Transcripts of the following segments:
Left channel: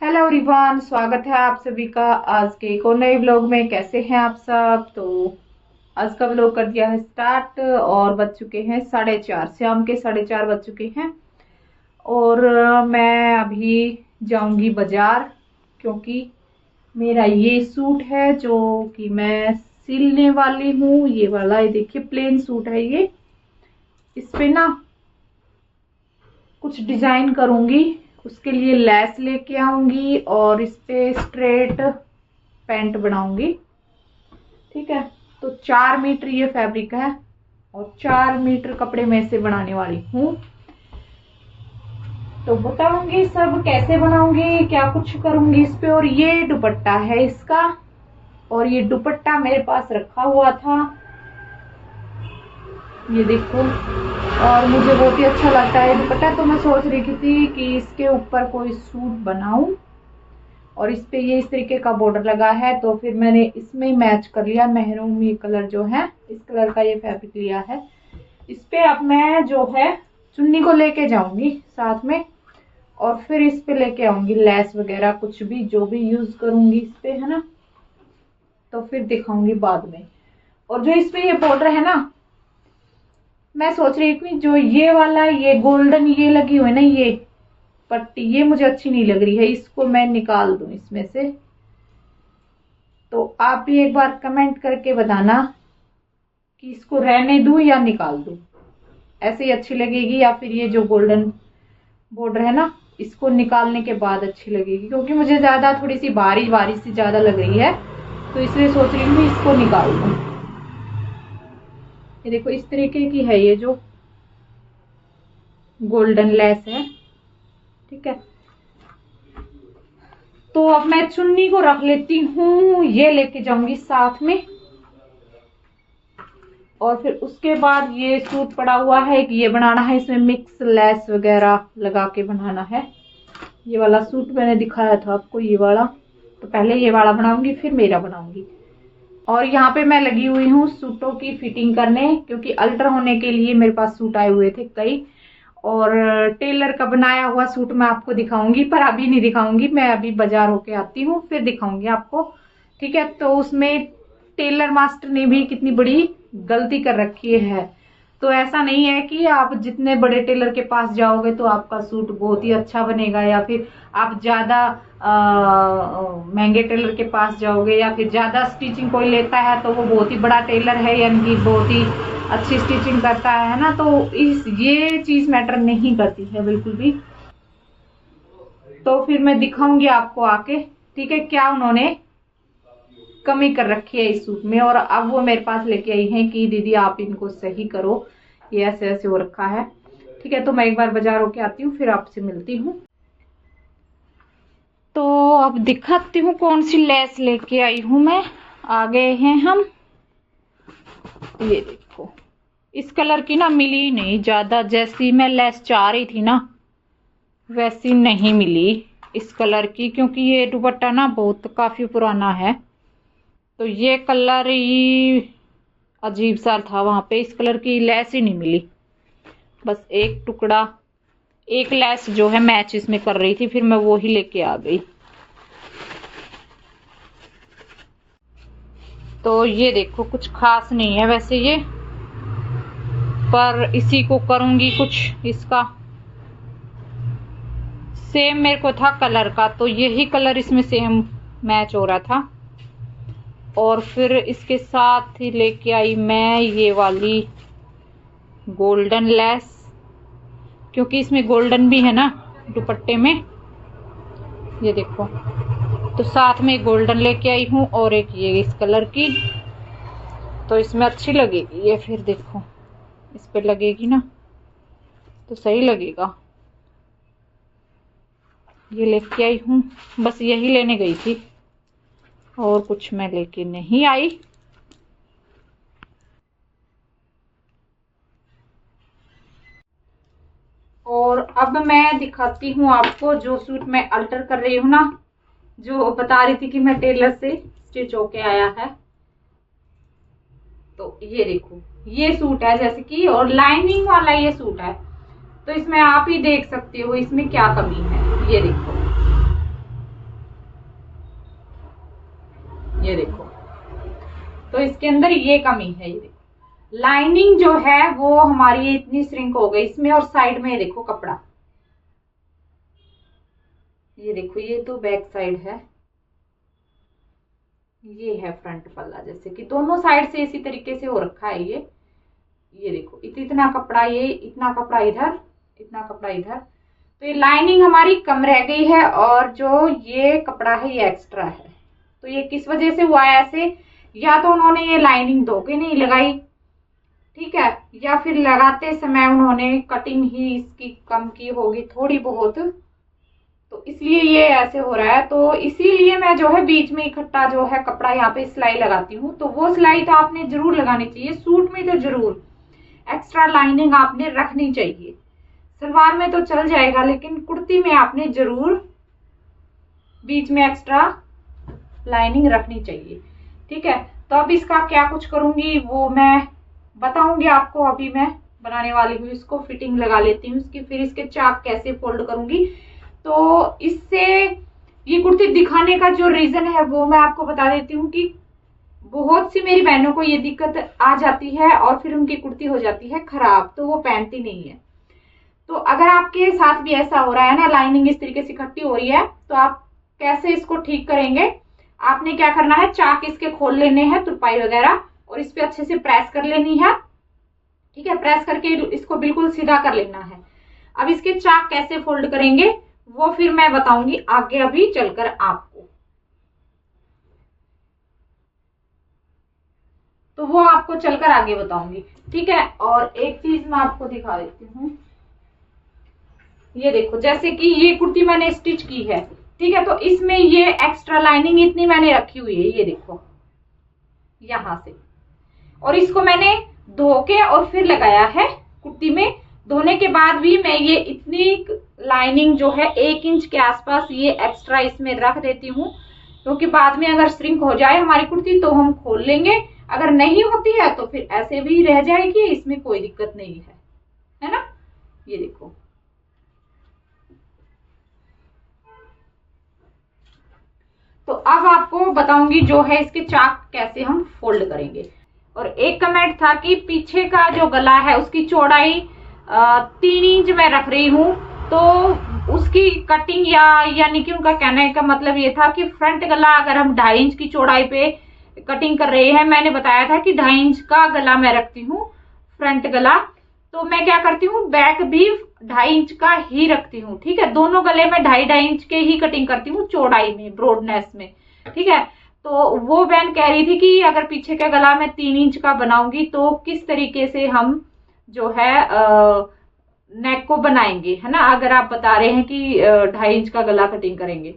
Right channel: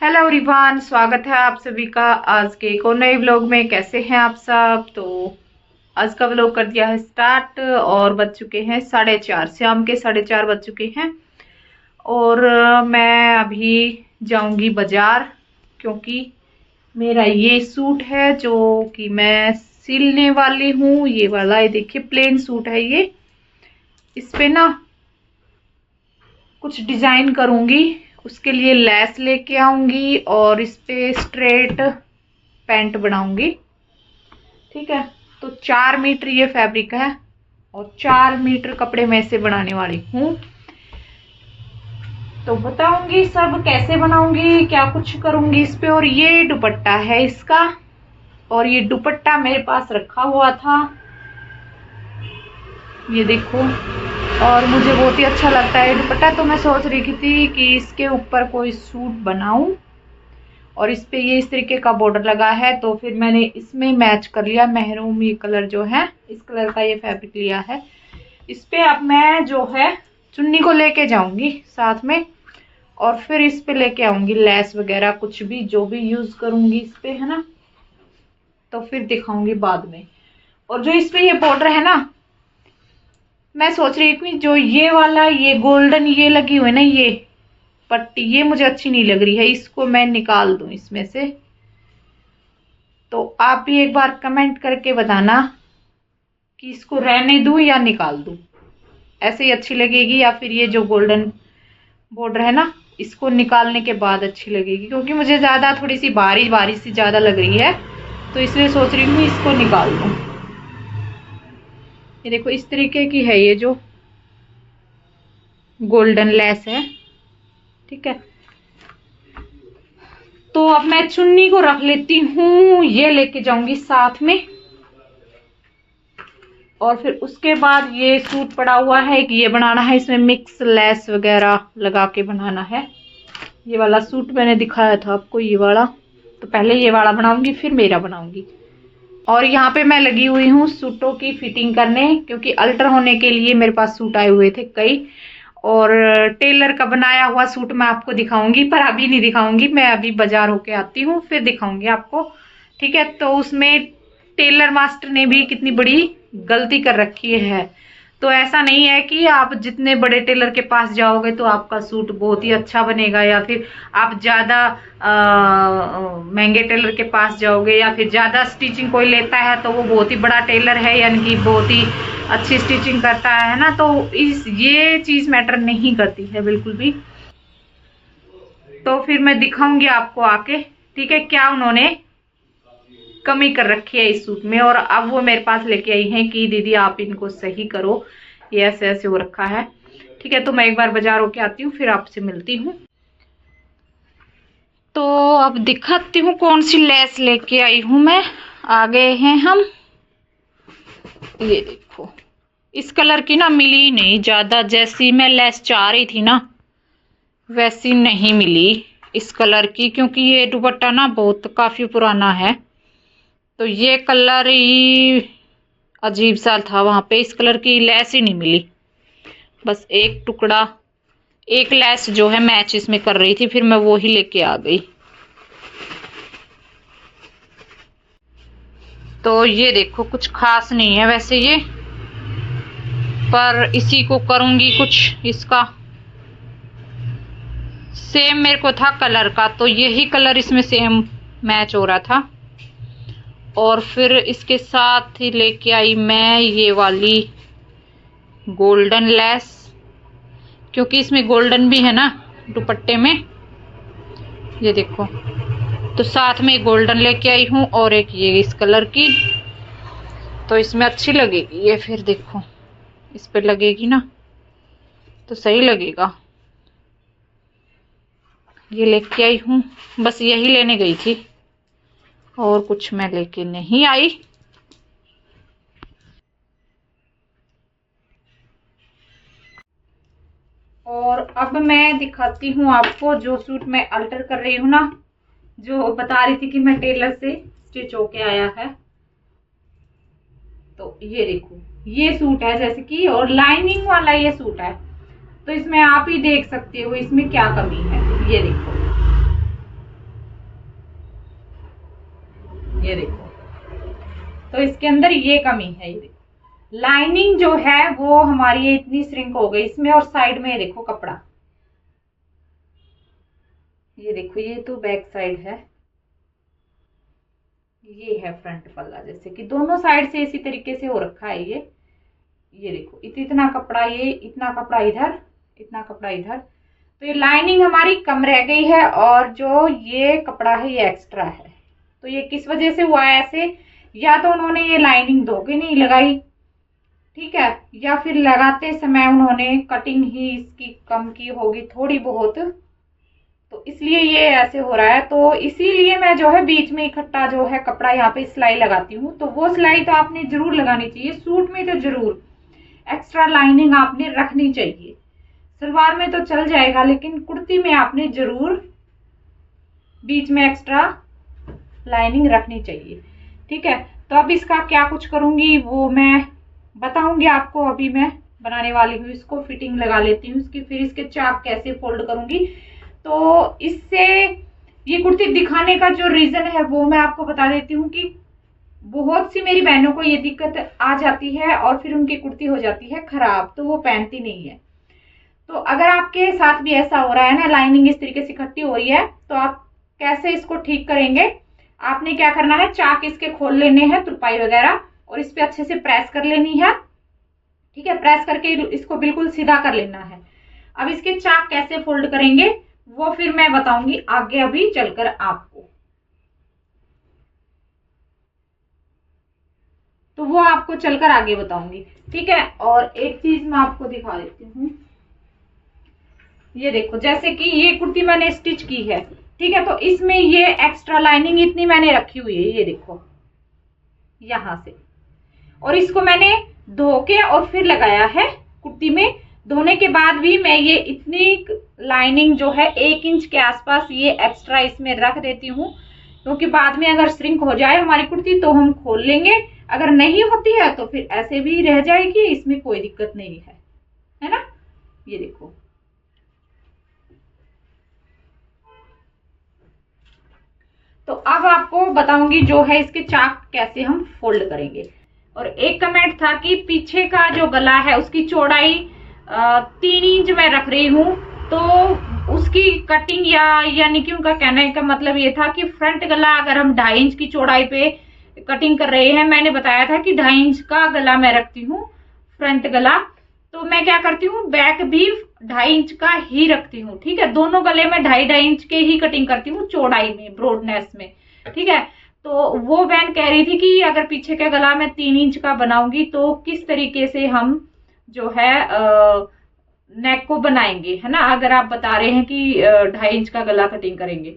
Hello everyone, स्वागत है आप सभी का आज के एक और नए व्लॉग में। कैसे हैं आप सब? तो आज का व्लॉग कर दिया है स्टार्ट और बज चुके हैं 4:30, शाम के 4:30 बज चुके हैं। और मैं अभी जाऊंगी बाजार, क्योंकि मेरा ये सूट है जो कि मैं सिलने वाली हूँ। ये वाला, ये देखिए प्लेन सूट है ये। इस पे ना कुछ डिजाइन करूंगी, उसके लिए लेस लेके आऊंगी और इस पे स्ट्रेट पैंट बनाऊंगी। ठीक है, तो 4 मीटर ये फैब्रिक है और 4 मीटर कपड़े में से बनाने वाली हूँ। तो बताऊंगी सब कैसे बनाऊंगी, क्या कुछ करूंगी इस पे। और ये दुपट्टा है इसका, और ये दुपट्टा मेरे पास रखा हुआ था, ये देखो। और मुझे बहुत ही अच्छा लगता है दुपट्टा, तो मैं सोच रही थी कि इसके ऊपर कोई सूट बनाऊं। और इस पे ये इस तरीके का बॉर्डर लगा है, तो फिर मैंने इसमें मैच कर लिया। मेहरून ये कलर जो है, इस कलर का ये फैब्रिक लिया है। इस पे अब मैं जो है चुन्नी को लेके जाऊंगी साथ में, और फिर इस पे लेके आऊंगी लेस वगैरह, कुछ भी जो भी यूज करूंगी इस पे, है ना। तो फिर दिखाऊंगी बाद में। और जो इस पे ये बॉर्डर है ना, मैं सोच रही थी जो ये वाला, ये गोल्डन ये लगी हुई है ना ये पट्टी, ये मुझे अच्छी नहीं लग रही है, इसको मैं निकाल दूं इसमें से। तो आप भी एक बार कमेंट करके बताना कि इसको रहने दूं या निकाल दूं। ऐसे ही अच्छी लगेगी, या फिर ये जो गोल्डन बॉर्डर है ना, इसको निकालने के बाद अच्छी लगेगी, क्योंकि मुझे ज्यादा थोड़ी सी बारिश बारिश सी ज्यादा लग रही है, तो इसलिए सोच रही हूँ इसको निकाल दूं। ये देखो इस तरीके की है ये जो गोल्डन लेस है। ठीक है, तो अब मैं चुन्नी को रख लेती हूँ, ये लेके जाऊंगी साथ में। और फिर उसके बाद ये सूट पड़ा हुआ है कि ये बनाना है, इसमें मिक्स लेस वगैरह लगा के बनाना है। ये वाला सूट मैंने दिखाया था आपको, ये वाला। तो पहले ये वाला बनाऊंगी, फिर मेरा बनाऊंगी। और यहाँ पे मैं लगी हुई हूँ सूटों की फिटिंग करने, क्योंकि अल्टर होने के लिए मेरे पास सूट आए हुए थे कई। और टेलर का बनाया हुआ सूट मैं आपको दिखाऊंगी, पर अभी नहीं दिखाऊंगी, मैं अभी बाजार होके आती हूँ फिर दिखाऊंगी आपको। ठीक है, तो उसमें टेलर मास्टर ने भी कितनी बड़ी गलती कर रखी है। तो ऐसा नहीं है कि आप जितने बड़े टेलर के पास जाओगे तो आपका सूट बहुत ही अच्छा बनेगा, या फिर आप ज्यादा महंगे टेलर के पास जाओगे, या फिर ज्यादा स्टिचिंग कोई लेता है तो वो बहुत ही बड़ा टेलर है, यानी कि बहुत ही अच्छी स्टिचिंग करता है ना। तो ये चीज मैटर नहीं करती है बिल्कुल भी। तो फिर मैं दिखाऊंगी आपको आके, ठीक है, क्या उन्होंने कमी कर रखी है इस सूट में। और अब वो मेरे पास लेके आई हैं कि दीदी आप इनको सही करो, ये ऐसे ऐसे हो रखा है। ठीक है, तो मैं एक बार बाजार होके आती हूँ, फिर आपसे मिलती हूँ। तो अब दिखाती हूँ कौन सी लेस लेके आई हूँ मैं। आ गए हैं हम, ये देखो। इस कलर की ना मिली नहीं ज्यादा, जैसी मैं लेस चाह रही थी ना वैसी नहीं मिली इस कलर की, क्योंकि ये दुपट्टा ना बहुत काफी पुराना है। तो ये कलर ही अजीब सा था, वहां पे इस कलर की लेस ही नहीं मिली। बस एक टुकड़ा, एक लेस जो है मैच इसमें कर रही थी, फिर मैं वो ही लेके आ गई। तो ये देखो कुछ खास नहीं है वैसे ये, पर इसी को करूंगी कुछ इसका। सेम मेरे को था कलर का, तो यही कलर इसमें सेम मैच हो रहा था। और फिर इसके साथ ही लेके आई मैं ये वाली गोल्डन लेस, क्योंकि इसमें गोल्डन भी है ना दुपट्टे में, ये देखो। तो साथ में गोल्डन लेके आई हूँ और एक ये इस कलर की, तो इसमें अच्छी लगेगी ये। फिर देखो इस पे लगेगी ना तो सही लगेगा। ये लेके आई हूँ, बस यही लेने गई थी और कुछ मैं लेके नहीं आई। और अब मैं दिखाती हूँ आपको जो सूट मैं अल्टर कर रही हूँ ना, जो बता रही थी कि मैं टेलर से स्टिच होके आया है। तो ये देखो ये सूट है जैसे कि, और लाइनिंग वाला ये सूट है। तो इसमें आप ही देख सकते हो इसमें क्या कमी है, ये देखो। इसके अंदर ये कमी है। ये देखो लाइनिंग जो है वो हमारी ये इतनी श्रिंक हो गई इसमें, और साइड में ये देखो कपड़ा, ये देखो ये तो बैक साइड है, ये है फ्रंट पल्ला, जैसे कि दोनों साइड से इसी तरीके से हो रखा है। ये देखो इतना कपड़ा, ये इतना कपड़ा इधर, इतना कपड़ा इधर, तो ये लाइनिंग हमारी कम रह गई है, और जो ये कपड़ा है ये एक्स्ट्रा है। तो ये किस वजह से हुआ है ऐसे, या तो उन्होंने ये लाइनिंग धोके नहीं लगाई, ठीक है, या फिर लगाते समय उन्होंने कटिंग ही इसकी कम की होगी थोड़ी बहुत, तो इसलिए ये ऐसे हो रहा है। तो इसीलिए मैं जो है बीच में इकट्ठा जो है कपड़ा यहाँ पे सिलाई लगाती हूँ। तो वो सिलाई तो आपने जरूर लगानी चाहिए, सूट में तो जरूर एक्स्ट्रा लाइनिंग आपने रखनी चाहिए। सलवार में तो चल जाएगा, लेकिन कुर्ती में आपने जरूर बीच में एक्स्ट्रा लाइनिंग रखनी चाहिए, ठीक है। तो अब इसका क्या कुछ करूंगी वो मैं बताऊंगी आपको। अभी मैं बनाने वाली हूँ इसको, फिटिंग लगा लेती हूँ इसकी, फिर इसके चाक कैसे फोल्ड करूंगी। तो इससे ये कुर्ती दिखाने का जो रीजन है वो मैं आपको बता देती हूँ कि बहुत सी मेरी बहनों को ये दिक्कत आ जाती है और फिर उनकी कुर्ती हो जाती है खराब, तो वो पहनती नहीं है। तो अगर आपके साथ भी ऐसा हो रहा है ना, लाइनिंग इस तरीके से इकट्ठी हो रही है, तो आप कैसे इसको ठीक करेंगे। आपने क्या करना है, चाक इसके खोल लेने हैं, तुरपाई वगैरह, और इस पे अच्छे से प्रेस कर लेनी है, ठीक है। प्रेस करके इसको बिल्कुल सीधा कर लेना है। अब इसके चाक कैसे फोल्ड करेंगे वो फिर मैं बताऊंगी आगे अभी चलकर आपको, तो वो आपको चलकर आगे बताऊंगी, ठीक है। और एक चीज मैं आपको दिखा देती हूँ, ये देखो जैसे कि ये कुर्ती मैंने स्टिच की है, ठीक है, तो इसमें ये एक्स्ट्रा लाइनिंग इतनी मैंने रखी हुई है, ये देखो यहां से, और इसको मैंने धो के और फिर लगाया है कुर्ती में। धोने के बाद भी मैं ये इतनी लाइनिंग जो है 1 इंच के आसपास ये एक्स्ट्रा इसमें रख देती हूँ, क्योंकि बाद में अगर श्रिंक हो जाए हमारी कुर्ती तो हम खोल लेंगे, अगर नहीं होती है तो फिर ऐसे भी रह जाएगी, इसमें कोई दिक्कत नहीं है ना। ये देखो तो अब आपको बताऊंगी जो है इसके चाक कैसे हम फोल्ड करेंगे। और एक कमेंट था कि पीछे का जो गला है उसकी चौड़ाई 3 इंच मैं रख रही हूँ, तो उसकी कटिंग यानी कि उनका कहने का मतलब ये था कि फ्रंट गला अगर हम 2.5 इंच की चौड़ाई पे कटिंग कर रहे हैं, मैंने बताया था कि 2.5 इंच का गला मैं रखती हूँ फ्रंट गला, तो मैं क्या करती हूँ बैक भी 2.5 इंच का ही रखती हूँ, ठीक है। दोनों गले में 2.5 इंच के ही कटिंग करती हूँ चौड़ाई में, ब्रॉडनेस में, ठीक है। तो वो बहन कह रही थी कि अगर पीछे का गला मैं 3 इंच का बनाऊंगी तो किस तरीके से हम जो है नेक को बनाएंगे, है ना। अगर आप बता रहे हैं कि 2.5 इंच का गला कटिंग करेंगे,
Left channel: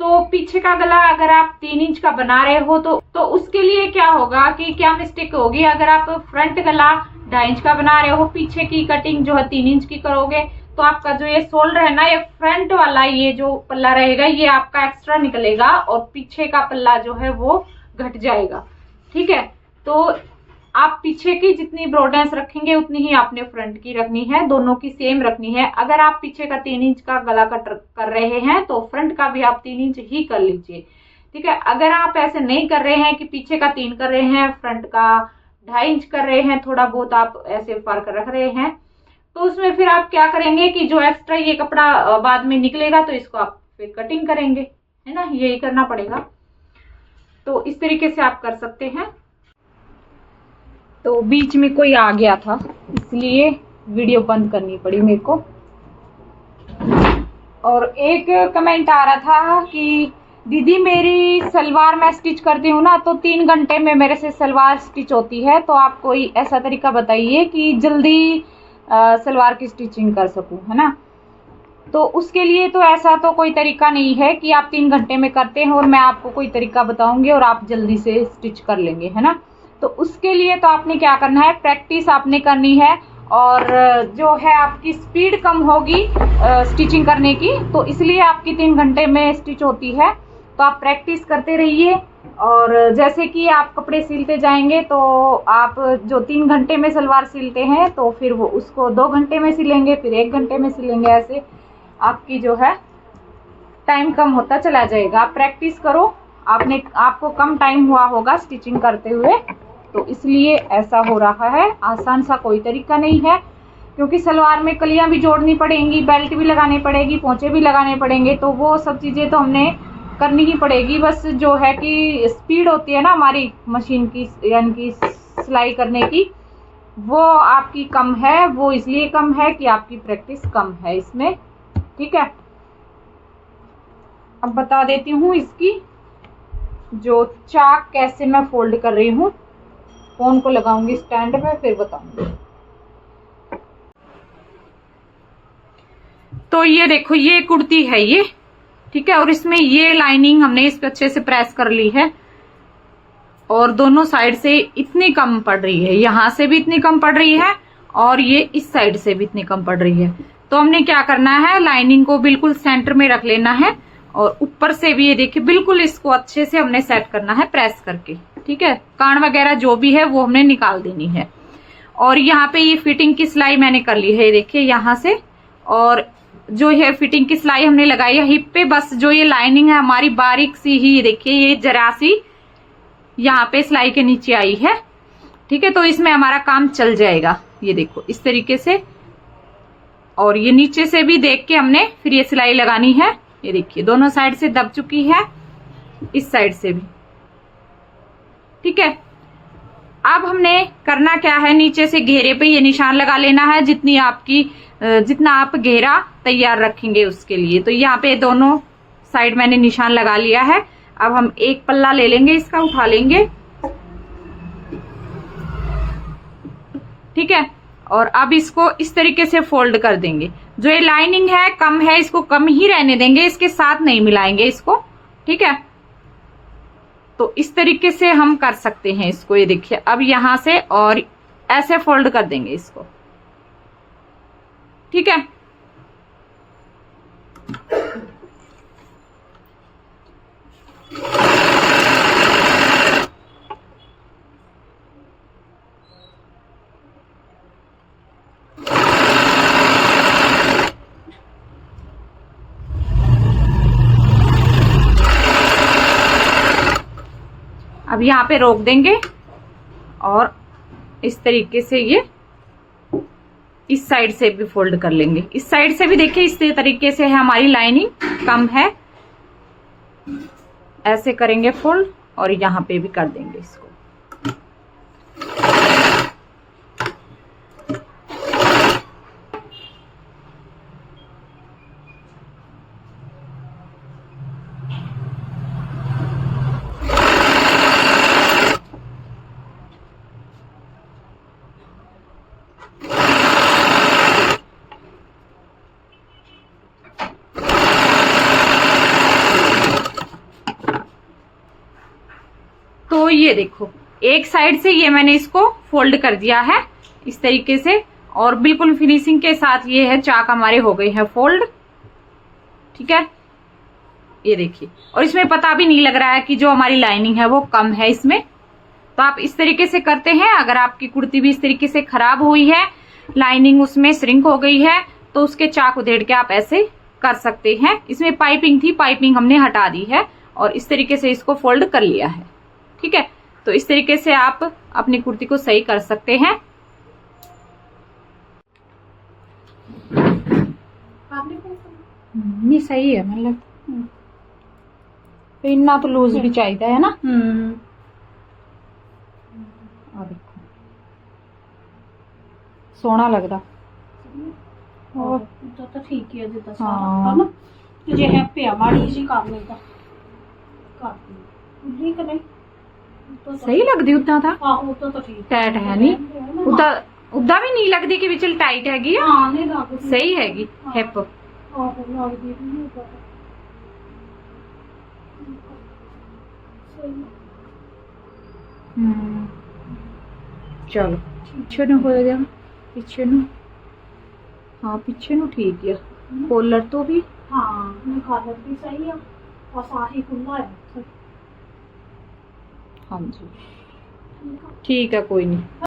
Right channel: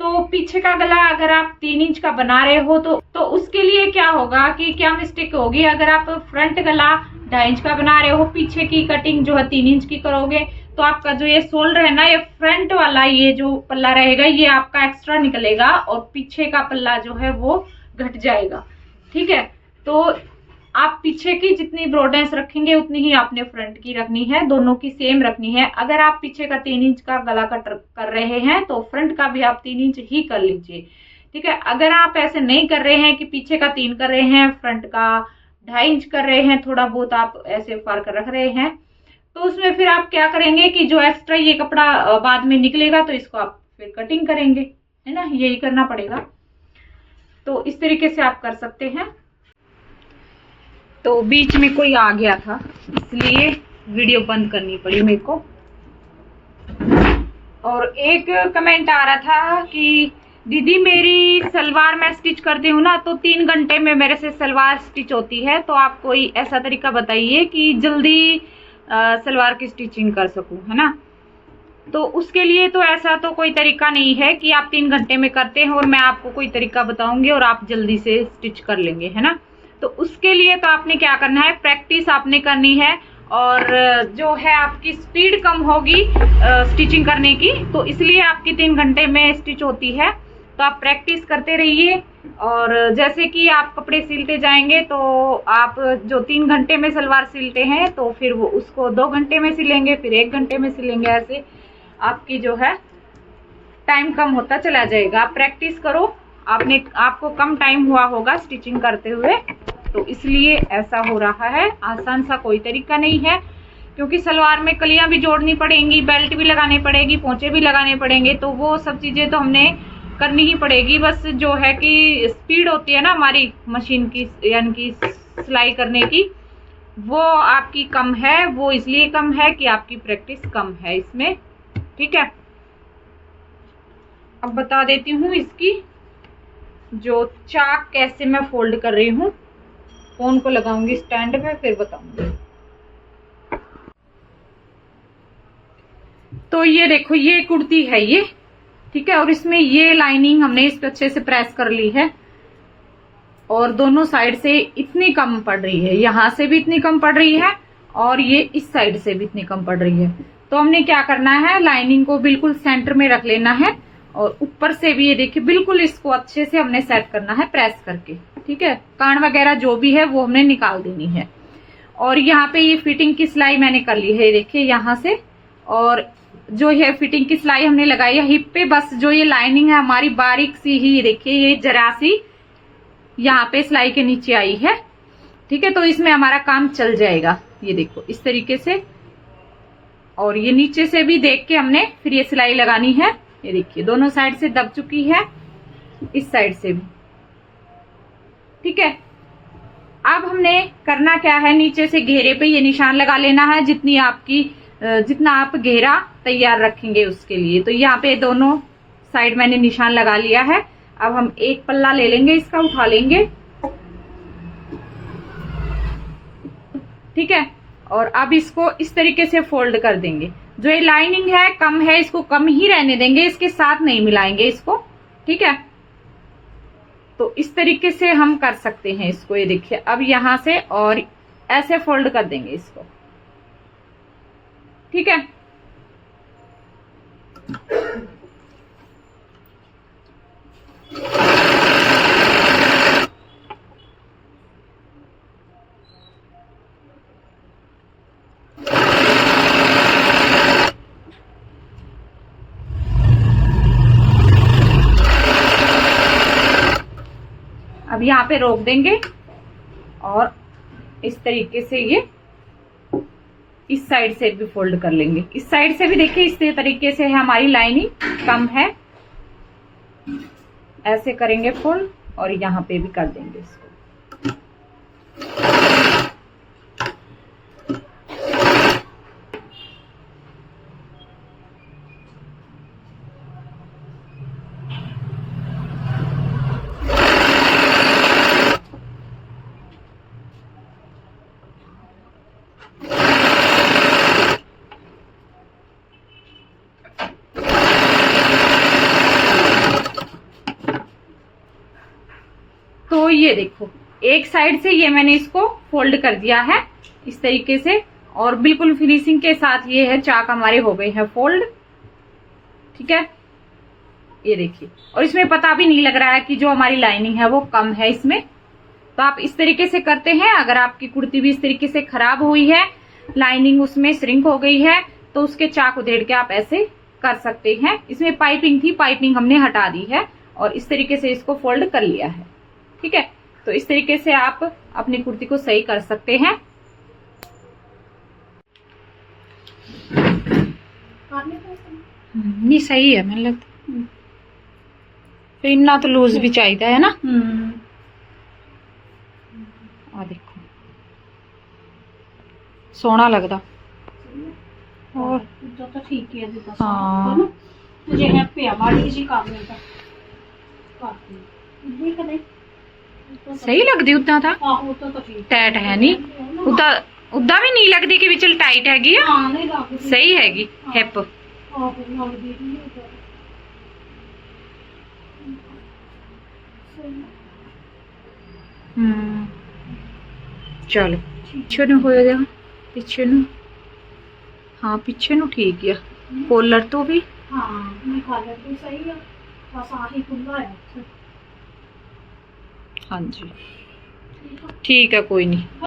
तो पीछे का गला अगर आप 3 इंच का बना रहे हो तो उसके लिए क्या होगा कि क्या मिस्टेक होगी। अगर आप फ्रंट गला 2.5 इंच का बना रहे हो, पीछे की कटिंग जो है 3 इंच की करोगे, तो आपका जो ये शोल्डर है ना, ये फ्रंट वाला ये जो पल्ला रहेगा ये आपका एक्स्ट्रा निकलेगा और पीछे का पल्ला जो है वो घट जाएगा, ठीक है। तो आप पीछे की जितनी ब्रॉडनेस रखेंगे उतनी ही आपने फ्रंट की रखनी है, दोनों की सेम रखनी है। अगर आप पीछे का 3 इंच का गला कट कर रहे हैं तो फ्रंट का भी आप 3 इंच ही कर लीजिए, ठीक है। अगर आप ऐसे नहीं कर रहे हैं कि पीछे का 3 कर रहे हैं, फ्रंट का 2.5 इंच कर रहे हैं, थोड़ा बहुत आप ऐसे फर्क रख रहे हैं, तो उसमें फिर आप क्या करेंगे कि जो एक्स्ट्रा ये कपड़ा बाद में निकलेगा तो इसको आप फिर कटिंग करेंगे, है ना, यही करना पड़ेगा। तो इस तरीके से आप कर सकते हैं। तो बीच में कोई आ गया था इसलिए वीडियो बंद करनी पड़ी मेरे को। और एक कमेंट आ रहा था कि दीदी मेरी सलवार मैं स्टिच करती हूँ ना तो 3 घंटे में मेरे से सलवार स्टिच होती है, तो आप कोई ऐसा तरीका बताइए कि जल्दी सलवार की स्टिचिंग कर सकूं, है ना। तो उसके लिए तो ऐसा तो कोई तरीका नहीं है कि आप 3 घंटे में करते हैं और मैं आपको कोई तरीका बताऊंगी और आप जल्दी से स्टिच कर लेंगे, है ना। तो उसके लिए तो आपने क्या करना है, प्रैक्टिस आपने करनी है, और जो है आपकी स्पीड कम होगी स्टिचिंग करने की, तो इसलिए आपकी 3 घंटे में स्टिच होती है। तो आप प्रैक्टिस करते रहिए, और जैसे कि आप कपड़े सिलते जाएंगे तो आप जो 3 घंटे में सलवार सिलते हैं तो फिर वो उसको 2 घंटे में सिलेंगे, फिर 1 घंटे में सिलेंगे, ऐसे आपकी जो है टाइम कम होता चला जाएगा। आप प्रैक्टिस करो, आपको कम टाइम हुआ होगा स्टिचिंग करते हुए, तो इसलिए ऐसा हो रहा है। आसान सा कोई तरीका नहीं है, क्योंकि सलवार में कलियां भी जोड़नी पड़ेंगी, बेल्ट भी लगानी पड़ेगी, पोंचे भी लगाने पड़ेंगे, तो वो सब चीज़ें तो हमने करनी ही पड़ेगी। बस जो है कि स्पीड होती है ना हमारी मशीन की, यानी कि सिलाई करने की, वो आपकी कम है। वो इसलिए कम है कि आपकी प्रैक्टिस कम है इसमें। ठीक है, अब बता देती हूँ इसकी जो चाक कैसे मैं फोल्ड कर रही हूँ। फोन को लगाऊंगी स्टैंड पे, फिर बताऊंगी। तो ये देखो, ये कुर्ती है ये, ठीक है, और इसमें ये लाइनिंग हमने इस पे अच्छे से प्रेस कर ली है, और दोनों साइड से इतनी कम पड़ रही है, यहां से भी इतनी कम पड़ रही है और ये इस साइड से भी इतनी कम पड़ रही है। तो हमने क्या करना है, लाइनिंग को बिल्कुल सेंटर में रख लेना है, और ऊपर से भी ये देखिए बिल्कुल इसको अच्छे से हमने सेट करना है प्रेस करके। ठीक है, कान वगैरह जो भी है वो हमने निकाल देनी है। और यहाँ पे ये फिटिंग की सिलाई मैंने कर ली है, देखिए यहाँ से, और जो है फिटिंग की सिलाई हमने लगाई है हिप पे। बस जो ये लाइनिंग है हमारी बारीक सी ही, ये देखिए ये जरा सी यहाँ पे सिलाई के नीचे आई है। ठीक है, तो इसमें हमारा काम चल जाएगा। ये देखो इस तरीके से, और ये नीचे से भी देख के हमने फिर ये सिलाई लगानी है। ये देखिए दोनों साइड से दब चुकी है, इस साइड से भी। ठीक है, अब हमने करना क्या है, नीचे से घेरे पे ये निशान लगा लेना है, जितना आप घेरा तैयार रखेंगे उसके लिए। तो यहाँ पे दोनों साइड मैंने निशान लगा लिया है। अब हम एक पल्ला ले लेंगे, इसका उठा लेंगे। ठीक है, और अब इसको इस तरीके से फोल्ड कर देंगे। जो ये लाइनिंग है कम है, इसको कम ही रहने देंगे, इसके साथ नहीं मिलाएंगे इसको। ठीक है, तो इस तरीके से हम कर सकते हैं इसको। ये देखिए, अब यहां से और ऐसे फोल्ड कर देंगे इसको। ठीक है, अब यहाँ पे रोक देंगे, और इस तरीके से ये इस साइड से भी फोल्ड कर लेंगे। इस साइड से भी देखिए इस तरीके से है, हमारी लाइनिंग कम है, ऐसे करेंगे फोल्ड, और यहाँ पे भी कर देंगे इसको। तो ये देखो एक साइड से ये मैंने इसको फोल्ड कर दिया है इस तरीके से, और बिल्कुल फिनिशिंग के साथ ये है, चाक हमारे हो गए हैं फोल्ड। ठीक है, ये देखिए, और इसमें पता भी नहीं लग रहा है कि जो हमारी लाइनिंग है वो कम है इसमें। तो आप इस तरीके से करते हैं। अगर आपकी कुर्ती भी इस तरीके से खराब हुई है, लाइनिंग उसमें श्रिंक हो गई है, तो उसके चाक उधेड़ के आप ऐसे कर सकते हैं। इसमें पाइपिंग थी, पाइपिंग हमने हटा दी है, और इस तरीके से इसको फोल्ड कर लिया है। ठीक है, तो इस तरीके से आप अपनी कुर्ती को सही कर सकते हैं। नहीं सही है, मैंने लगता फिर इतना तो लूज भी चाहिए है ना। आ देखो सोहना लगता, और तो ठीक है जी। हाँ तुझे है पे माड़ी जी काम लेता ठीक है, सही लगती उतना था। हाँ तो ठीक टाइट है नहीं, उदा भी नहीं लगती कि चल टाइट हैगी। हाँ नहीं लगती, सही हैगी हिप। चलो पीछे नु हो जाएगा, पीछे नु, हाँ पीछे नु ठीक है। कॉलर तो भी हाँ कॉलर तो सही है, बस आही खुला है। हाँ जी ठीक है, कोई नहीं।